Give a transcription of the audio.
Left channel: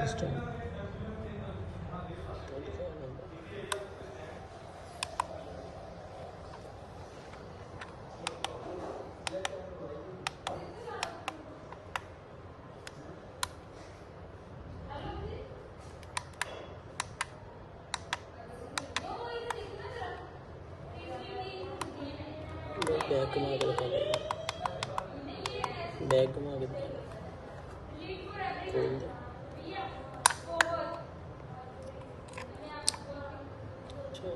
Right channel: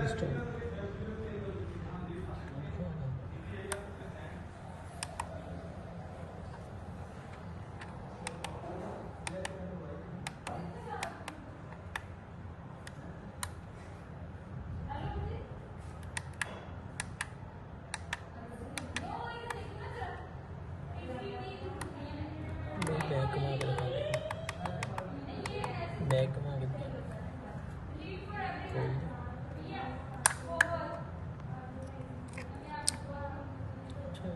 this time 24 number. Bag घुमा के दिखा देगा, बैग घुमा के खोल दे। अच्छा